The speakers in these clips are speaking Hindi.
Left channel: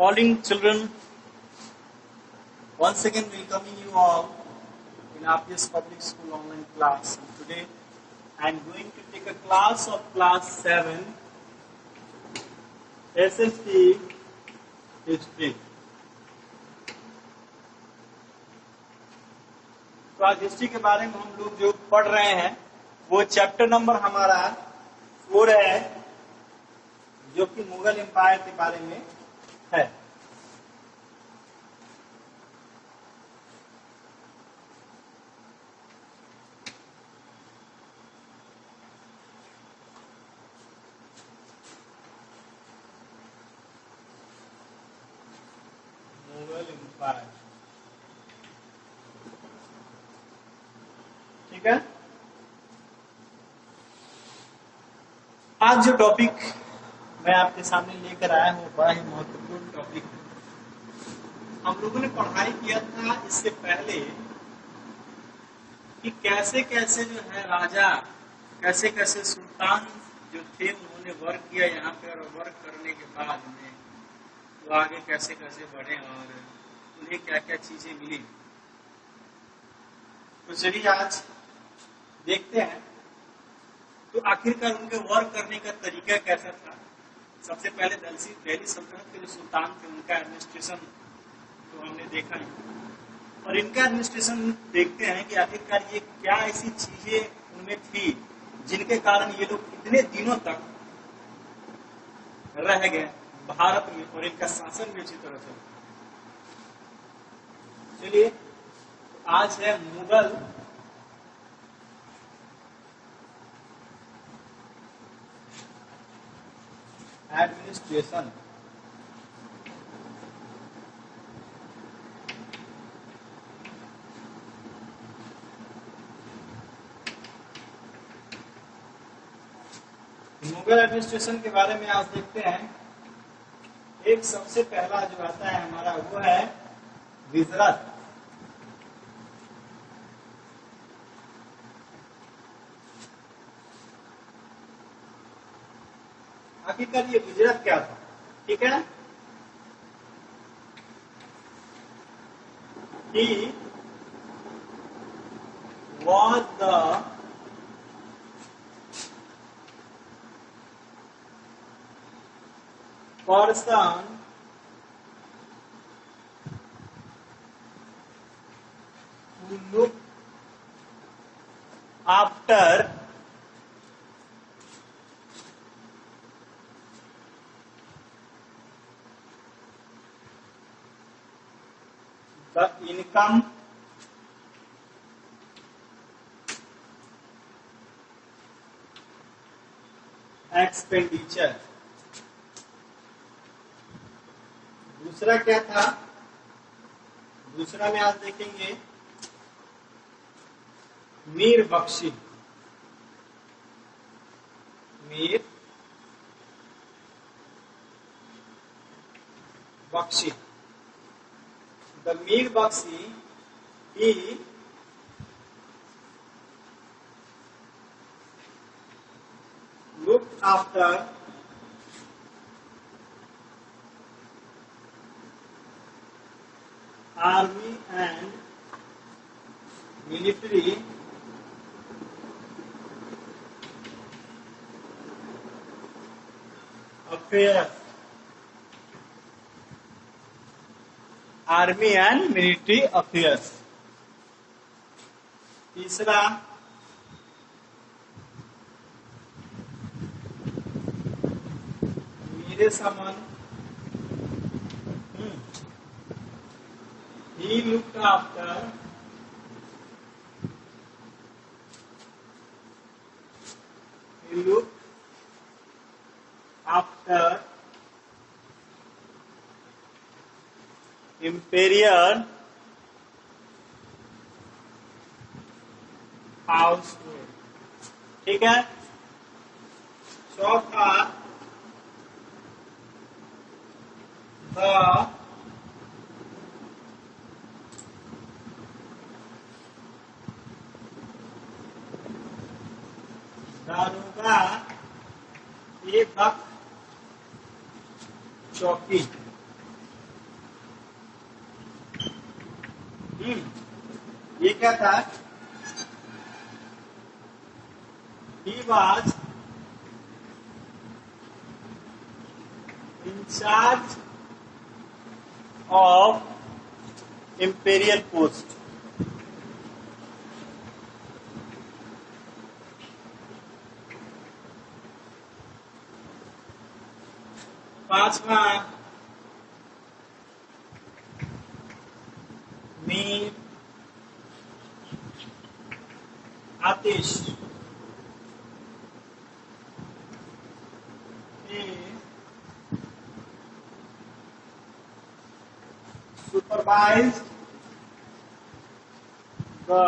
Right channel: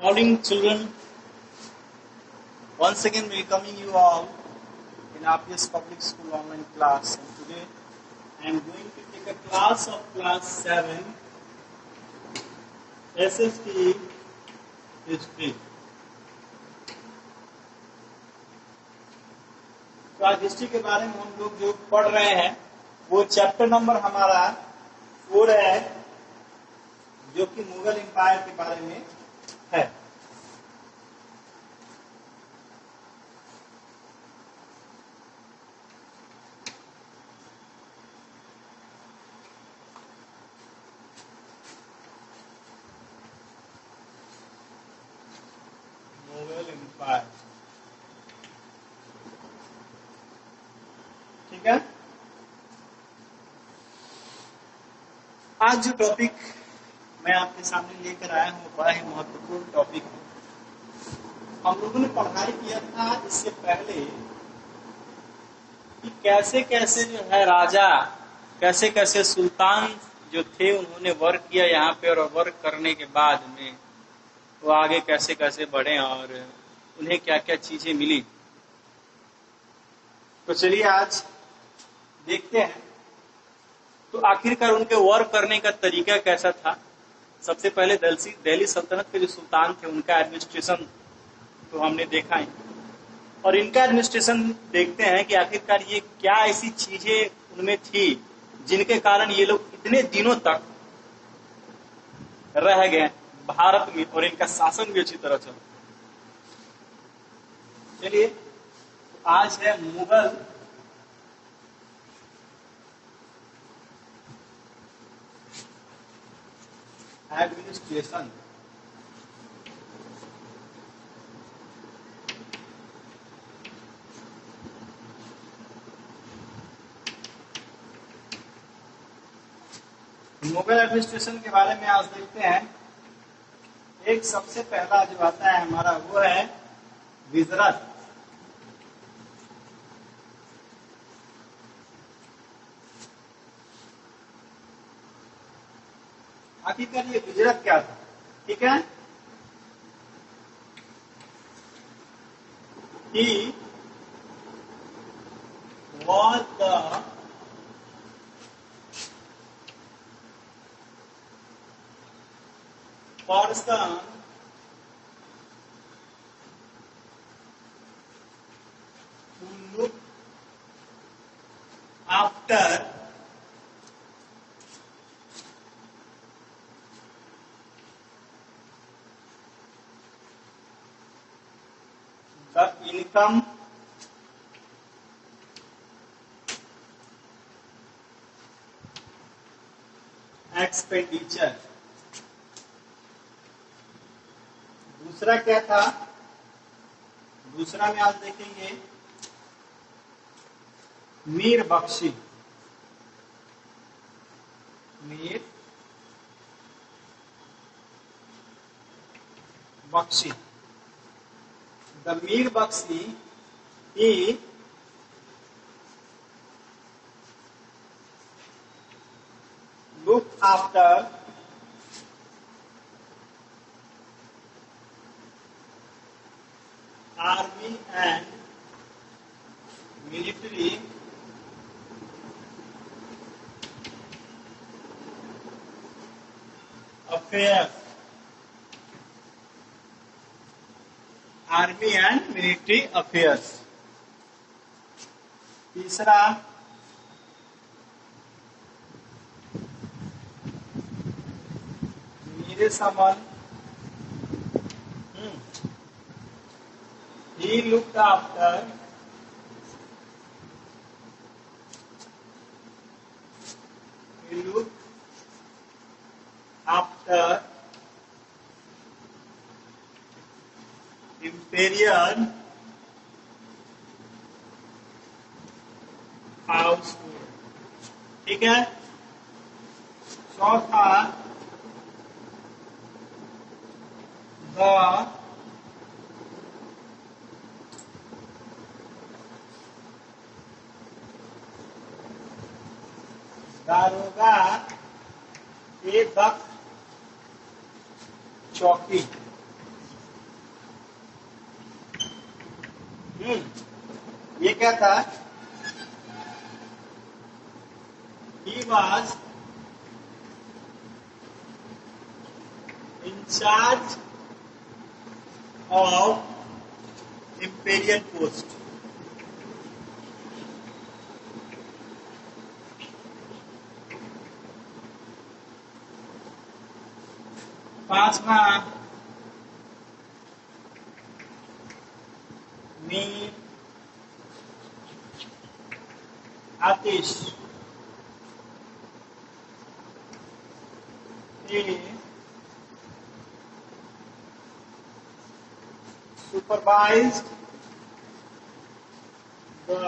Morning, children. Once again, welcoming you all in RPS Public School online class. And today, I am going to take a class of class 7, SST History. तो आज हिस्ट्री के बारे में हम लोग जो पढ़ रहे हैं वो चैप्टर नंबर हमारा 4 है, जो कि मुगल एम्पायर के बारे में है। मुगल एम्पायर, ठीक है। आज जो टॉपिक मैं आपके सामने लेकर आया हूँ बड़ा ही महत्वपूर्ण टॉपिक है। हम लोगों ने पढ़ाई किया था इससे पहले कि कैसे कैसे जो है राजा, कैसे कैसे सुल्तान जो थे उन्होंने वर्क किया यहाँ पे, और वर्क करने के बाद में वो आगे कैसे कैसे बढ़े और उन्हें क्या क्या चीजें मिली। तो चलिए आज देखते हैं तो आखिरकार उनके वर्क करने का तरीका कैसा था। सबसे पहले दिल्ली सल्तनत के जो सुल्तान थे उनका एडमिनिस्ट्रेशन तो हमने देखा ही, और इनका एडमिनिस्ट्रेशन देखते हैं कि आखिरकार ये क्या ऐसी चीजें उनमें थी जिनके कारण ये लोग इतने दिनों तक रह गए भारत में और इनका शासन भी अच्छी तरह चला। चलिए आज है मुगल एडमिनिस्ट्रेशन। मुगल एडमिनिस्ट्रेशन के बारे में आज देखते हैं। एक सबसे पहला जो आता है हमारा वो है गुजरात। आखिरकार ये गुजरात क्या था, ठीक है। He was the person who looked after the income expenditure। दूसरा क्या था, दूसरा में आज देखेंगे Mir Bakshi. Mir Bakshi, the Mir Bakshi, he looked after army and military affairs। Army and military affairs. तीसरा मेरे समन, he looked after imperial household, ठीक है। चौथा द दारोगा ए दक चौकी। ये क्या था? He was in charge of imperial post. पांचवा, मीर आतिश supervised the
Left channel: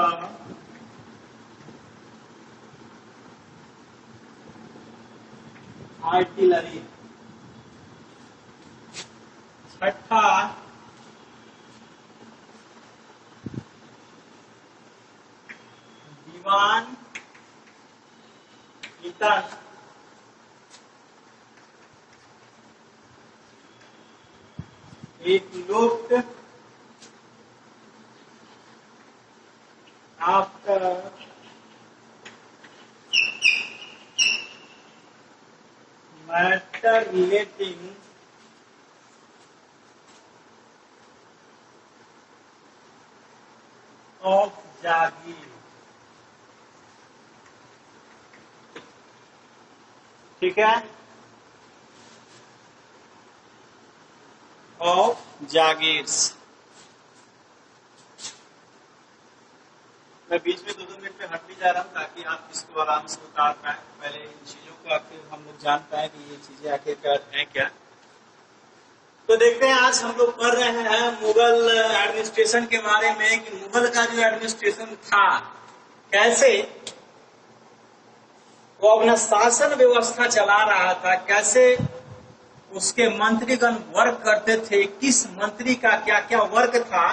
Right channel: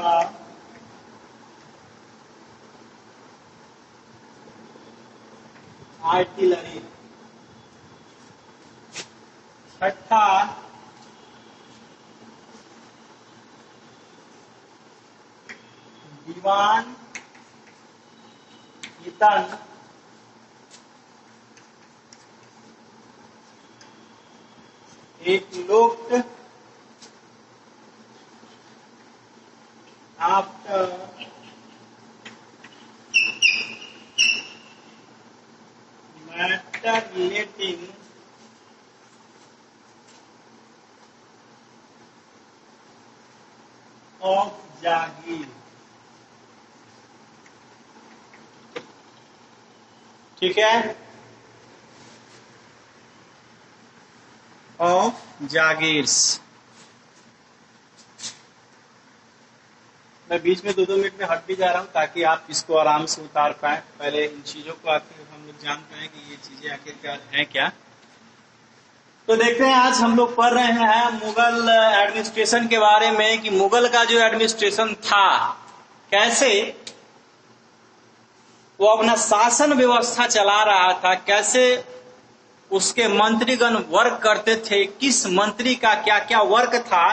artillery. छठा, दीवान ईतन it looked after matter relating of Jagir. ठीक है, ऑफ जागीर्स। मैं बीच में 2-2 मिनट में हट भी जा रहा हूँ ताकि आप इसको आराम से उतार पाए, पहले इन चीजों को आखिर हम लोग जान पाए कि ये चीजें आखिरकार हैं क्या। तो देखते हैं, आज हम लोग पढ़ रहे हैं मुगल एडमिनिस्ट्रेशन के बारे में कि मुगल का जो एडमिनिस्ट्रेशन था कैसे वो अपना शासन व्यवस्था चला रहा था, कैसे उसके मंत्रीगण वर्क करते थे, किस मंत्री का क्या क्या वर्क था,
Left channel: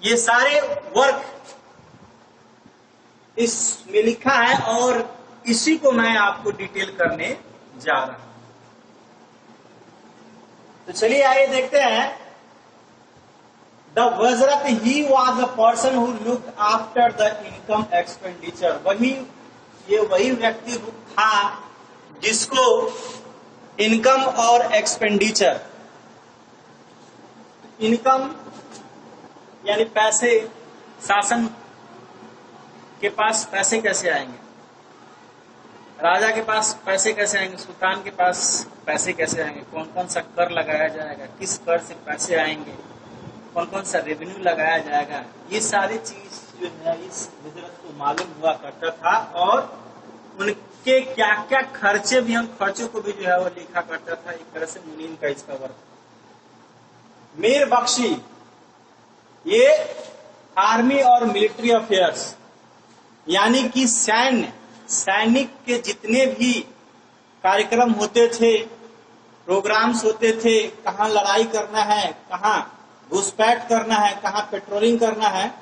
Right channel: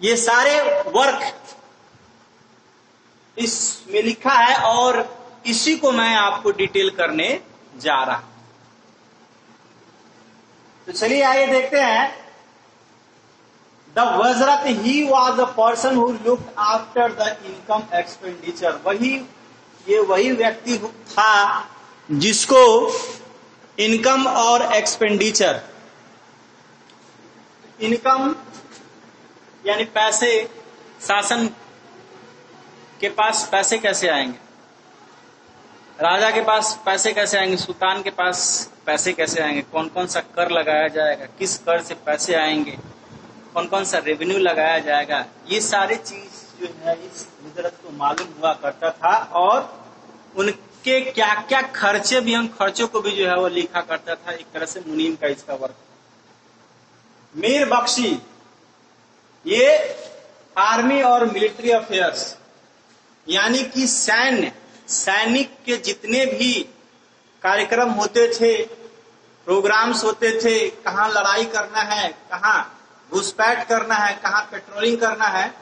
ये सारे वर्क इसमें लिखा है और इसी को मैं आपको डिटेल करने जा रहा हूं। तो चलिए आगे देखते हैं। द वजरत he was the person who look after the income expenditure. वही व्यक्ति था जिसको इनकम और एक्सपेंडिचर, इनकम यानी पैसे, शासन के पास पैसे कैसे आएंगे, राजा के पास पैसे कैसे आएंगे, सुल्तान के पास पैसे कैसे आएंगे, कौन कौन सा कर लगाया जाएगा, किस कर से पैसे आएंगे, कौन कौन सा रेवेन्यू लगाया जाएगा, ये सारी चीज जो है इस वजरत को मालूम हुआ करता था और उनके क्या क्या खर्चे भी, हम खर्चों को भी जो है वो लिखा करता था। एक तरह से मुनीम का इसका वर्क था। मीर बख्शी ये आर्मी और मिलिट्री अफेयर्स यानी कि सैनिक के जितने भी कार्यक्रम होते थे, प्रोग्राम्स होते थे, कहाँ लड़ाई करना है, कहाँ घुसपैठ करना है, कहाँ पेट्रोलिंग करना है,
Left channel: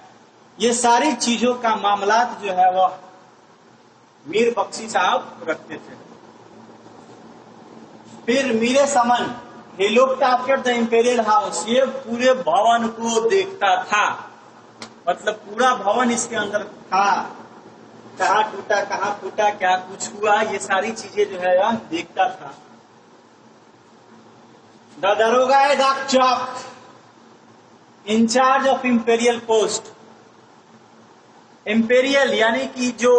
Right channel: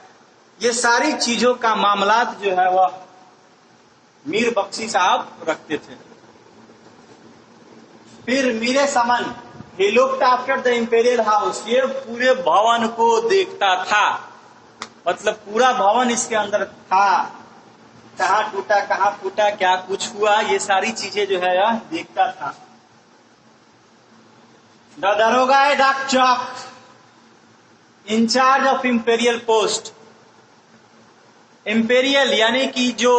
ये सारी चीजों का मामलात जो है वह मीर बख्शी साहब रखते थे। फिर मीरे समन he looked after the imperial house, ये पूरे भवन को देखता था, मतलब पूरा भवन इसके अंदर था, कहाँ टूटा कहाँ फूटा क्या कुछ हुआ, ये सारी चीजें जो है यह देखता था। द दरोगा डाक चौक incharge of imperial post. Imperial यानी कि जो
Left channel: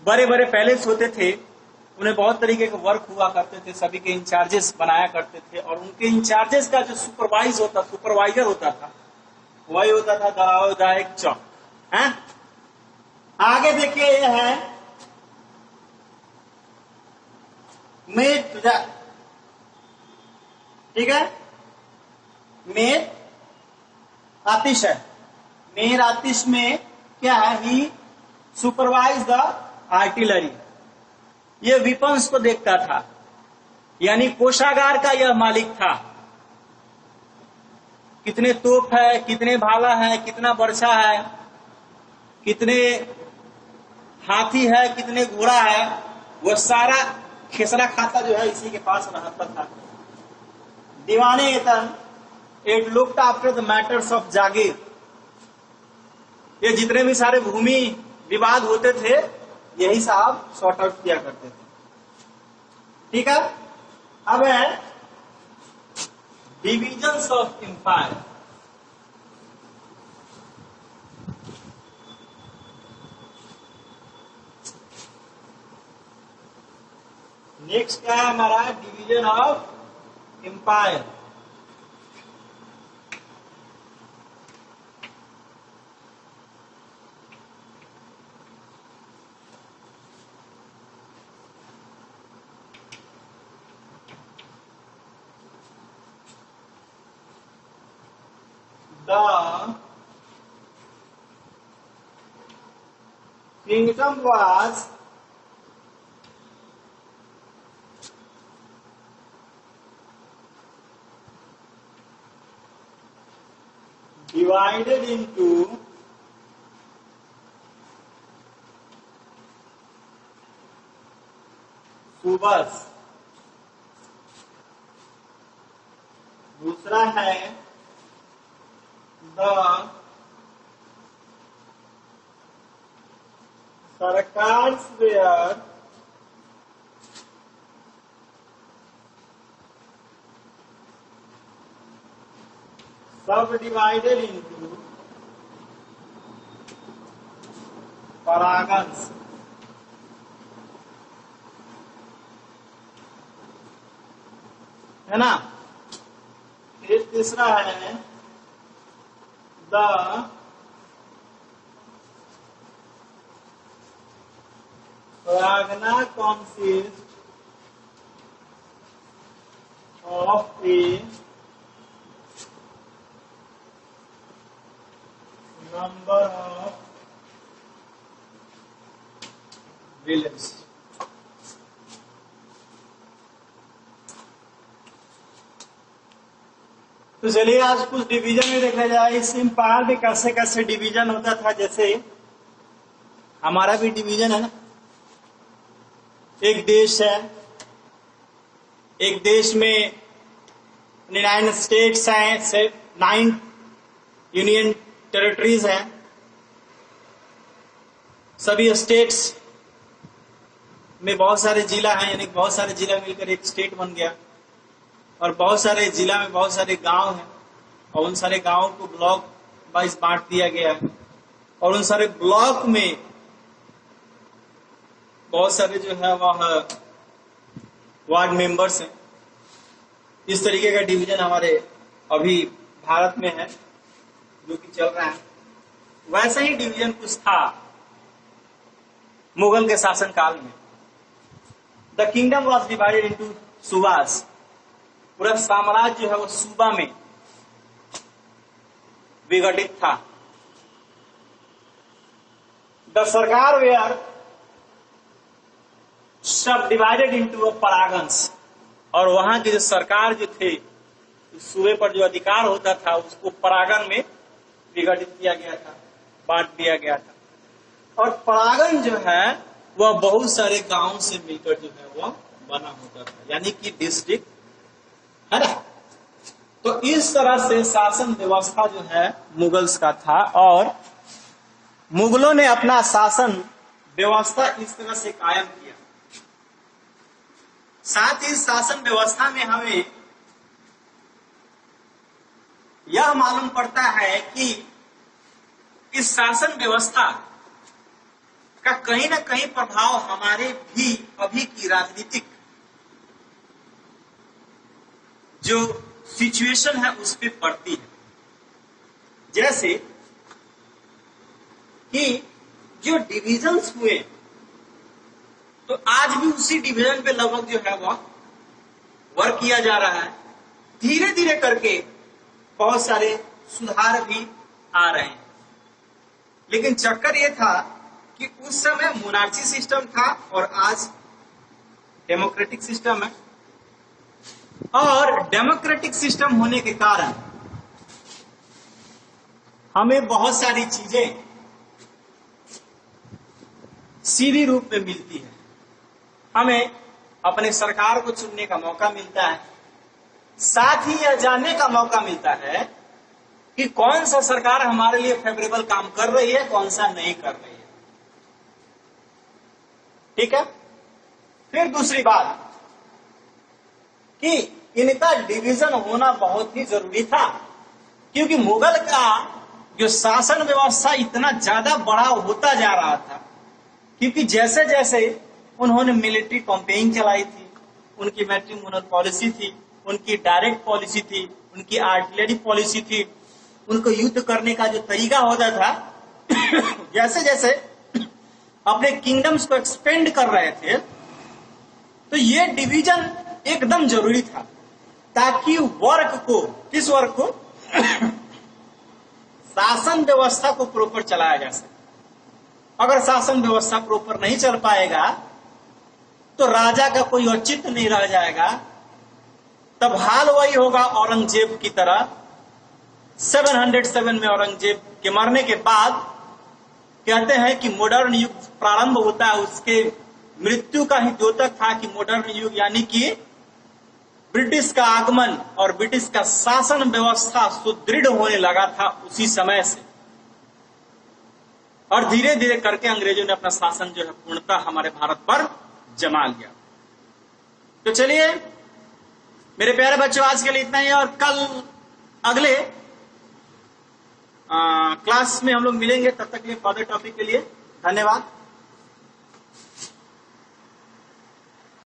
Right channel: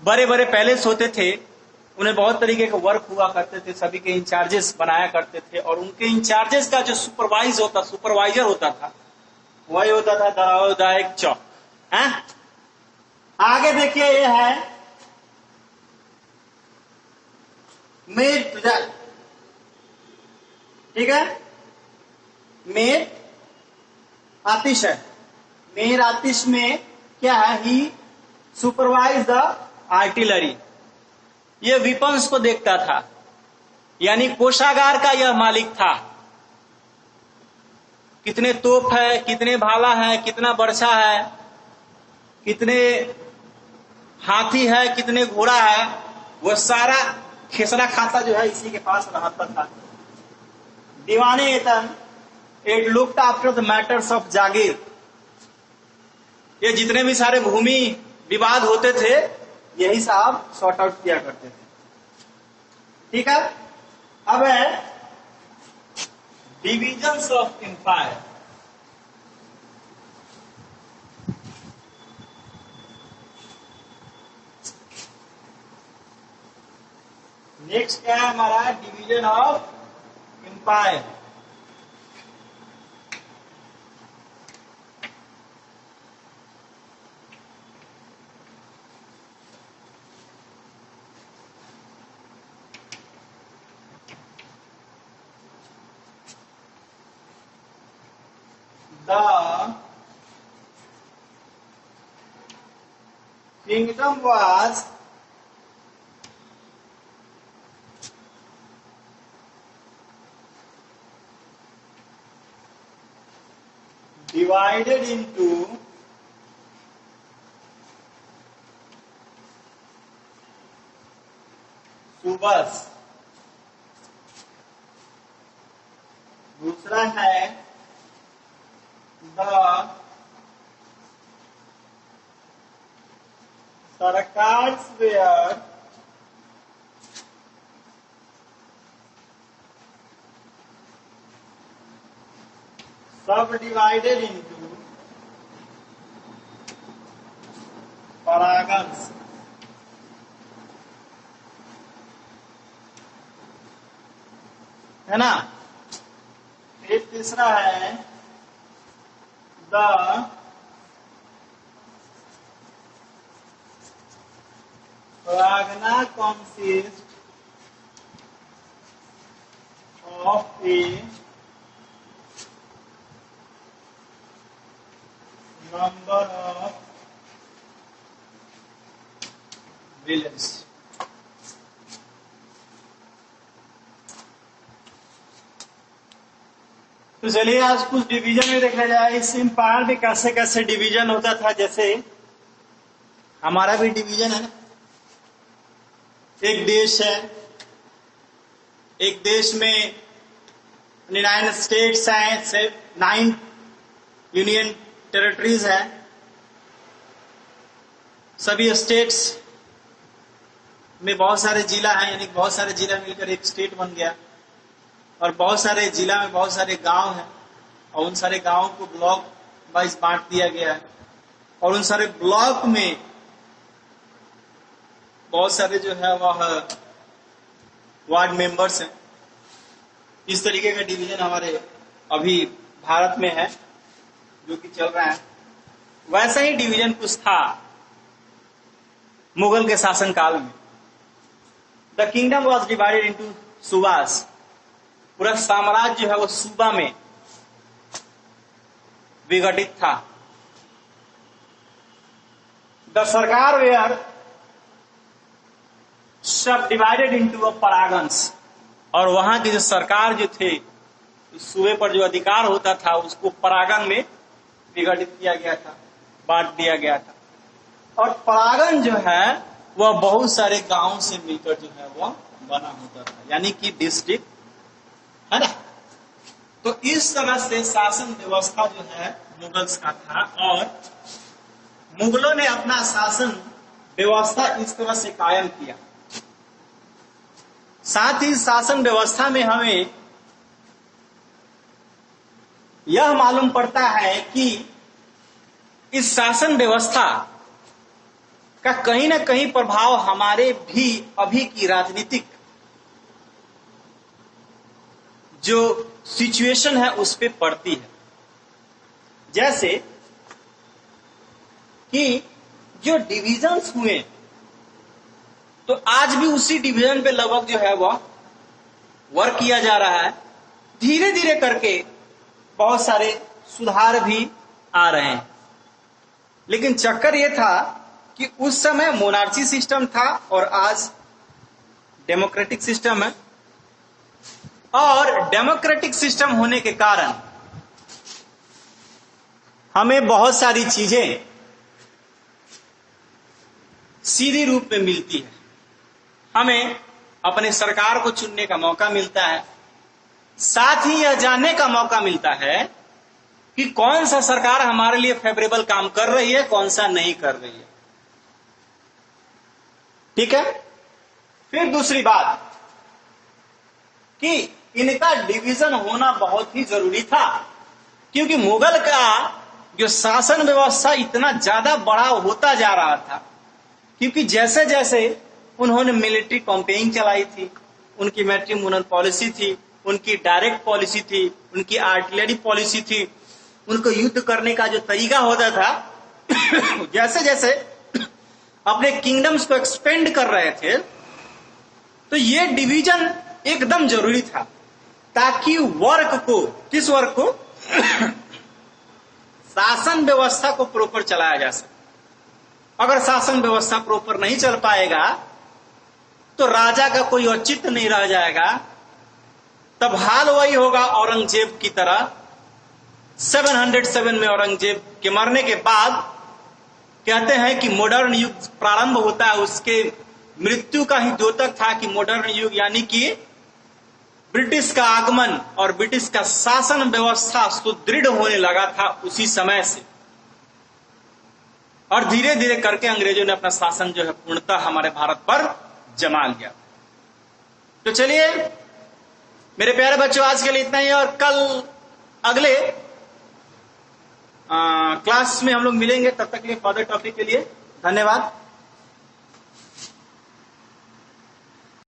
बड़े बड़े पैलेस होते थे उन्हें बहुत तरीके के वर्क हुआ करते थे, सभी के इंचार्जेस बनाया करते थे और उनके इंचार्जेस का जो सुपरवाइजर होता था वही होता था दरोगा चौक। है आगे देखिए, ये है मेट, ठीक है, मेर आतिश है। मेर आतिश में क्या है, ही सुपरवाइज द आर्टिलरी, ये विपन्स को देखता था, यानी कोषागार का यह मालिक था। कितने तोप है, कितने भाला है, कितना बर्छा है, कितने हाथी है, कितने घोड़ा है, वह सारा खेसरा खाता जो है इसी के पास रहता था। दीवाने एतन it looked after the matters of जागीर, ये जितने भी सारे भूमि विवाद होते थे यही साहब सॉर्ट आउट किया करते थे। ठीक है, अब है डिविजन्स ऑफ एम्पायर। नेक्स्ट क्या है हमारा, division of empire. The kingdom was divided into subas. दूसरा है the sarkars where subdivided into parganas. है ना। फिर तीसरा है the Pragna consists of a number of villages। तो चलिए आज कुछ डिवीजन में देखा जाए इस एम्पायर में कैसे कैसे डिवीजन होता था। जैसे हमारा भी डिवीजन है ना, एक देश है, एक देश में 9 स्टेट्स हैं, 9 यूनियन टेरिटरीज हैं। सभी स्टेट्स में बहुत सारे जिला हैं, यानी बहुत सारे जिला मिलकर एक स्टेट बन गया। और बहुत सारे जिला में बहुत सारे गांव हैं और उन सारे गांवों को ब्लॉक वाइज बांट दिया गया है। और उन सारे ब्लॉक में बहुत सारे जो है वह वार्ड मेंबर्स हैं। इस तरीके का डिवीजन हमारे अभी भारत में है जो कि चल रहा है। वैसा ही डिवीजन कुछ था मुगल के शासन काल में। The kingdom was divided into सूबास। पूरा साम्राज्य जो है वो सूबा में विघटित था। द सरकार वेयर सब डिवाइडेड इंटू परागन्स। और वहां की जो सरकार जो थे, सूबे पर जो अधिकार होता था उसको परागन में विघटित किया गया था, बांट दिया गया था। और परागन जो है वह बहुत सारे गांव से मिलकर जो है वह बना होता था, यानी कि डिस्ट्रिक्ट, है ना। तो इस तरह से शासन व्यवस्था जो है मुगल्स का था। और मुगलों ने अपना शासन व्यवस्था इस तरह से कायम किया। साथ ही शासन व्यवस्था में हमें यह मालूम पड़ता है कि इस शासन व्यवस्था का कहीं ना कहीं प्रभाव हमारे भी अभी की राजनीतिक जो सिचुएशन है उस पे पड़ती है। जैसे कि जो डिविजन्स हुए तो आज भी उसी डिवीजन पे लगभग जो है वह वर्क किया जा रहा है। धीरे धीरे करके बहुत सारे सुधार भी आ रहे हैं। लेकिन चक्कर यह था कि उस समय मोनार्ची सिस्टम था और आज डेमोक्रेटिक सिस्टम है। और डेमोक्रेटिक सिस्टम होने के कारण हमें बहुत सारी चीजें सीधी रूप में मिलती है। हमें अपने सरकार को चुनने का मौका मिलता है, साथ ही यह जानने का मौका मिलता है कि कौन सा सरकार हमारे लिए फेवरेबल काम कर रही है, कौन सा नहीं कर रही है। ठीक है। फिर दूसरी बात कि इनका डिवीजन होना बहुत ही जरूरी था, क्योंकि मुगल का जो शासन व्यवस्था इतना ज्यादा बड़ा होता जा रहा था, क्योंकि जैसे जैसे उन्होंने मिलिट्री कैंपेनिंग चलाई थी, उनकी मैट्रिमोनियल पॉलिसी थी, उनकी डायरेक्ट पॉलिसी थी, उनकी आर्टिलरी पॉलिसी थी, उनको युद्ध करने का जो तरीका होता था जैसे जैसे अपने किंगडम्स को एक्सपेंड कर रहे थे, तो ये डिवीजन एकदम जरूरी था, ताकि वर्क को, किस वर्क को, शासन व्यवस्था को प्रॉपर चलाया जा सके। अगर शासन व्यवस्था प्रॉपर नहीं चल पाएगा तो राजा का कोई औचित्य नहीं रह जाएगा। तब हाल वही होगा औरंगजेब की तरह। 707 में औरंगजेब के मरने के बाद कहते हैं कि मॉडर्न युग प्रारंभ होता है। उसके मृत्यु का ही द्योतक था कि मॉडर्न युग, यानी कि ब्रिटिश का आगमन और ब्रिटिश का शासन व्यवस्था सुदृढ़ होने लगा था उसी समय से। और धीरे धीरे करके अंग्रेजों ने अपना शासन जो है पूर्णतः हमारे भारत पर जमा लिया। तो चलिए मेरे प्यारे बच्चों, आज के लिए इतना ही, और कल अगले क्लास में हम लोग मिलेंगे। तब तक के लिए फर्दर टॉपिक के लिए धन्यवाद।